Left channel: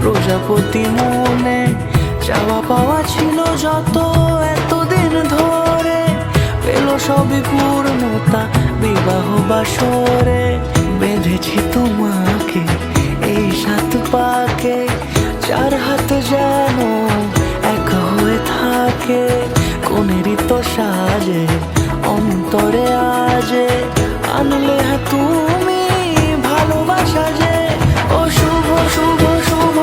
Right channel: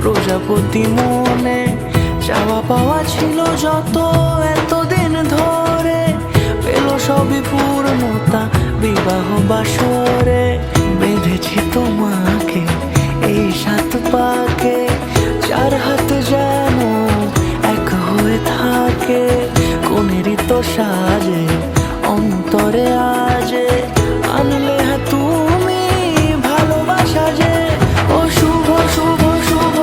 প্রজাপতি মনে চাওয়া পাওয়া ছিল যত এতদিন ধরে, পেল সবই পূর্ণতা বিবাহ বাসরে। বেঁধেছি তোমাকে এই সাত পাকে, চার হাত যেন এক হয়ে থাকে। কোনেরই তো সাজে অন্তরে আজে, আনলে হ্যাঁ তুমি ভালোবাসা যে। ও শুভ শুভ শুভ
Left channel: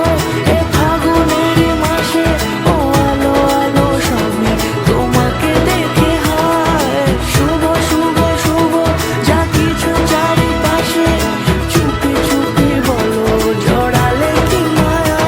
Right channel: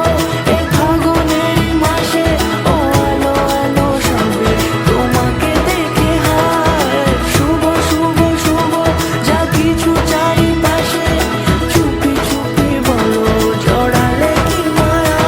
এ ফাগুনেরই মাসে, ও আলো আলো সবই তোমাকে দেখে হায়। শুভ শুভ শুভ যা কিছু চারিপাশে, চুপি চুপি বলো জড়ালে কি মায়া।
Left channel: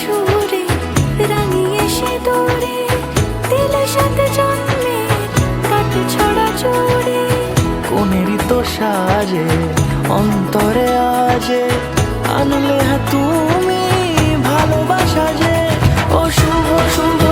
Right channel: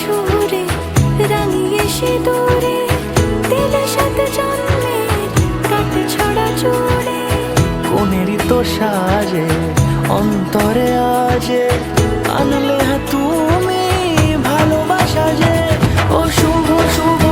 সুরে রাঙিয়ে সে দূরে দিলে সাথে জন্মের কাট ছড়া জুড়ে। কোনেরই তো সাজে অন্তরে আজে, আনলে হ্যাঁ তুমি ভালোবাসা যে। ও শুভ শুভ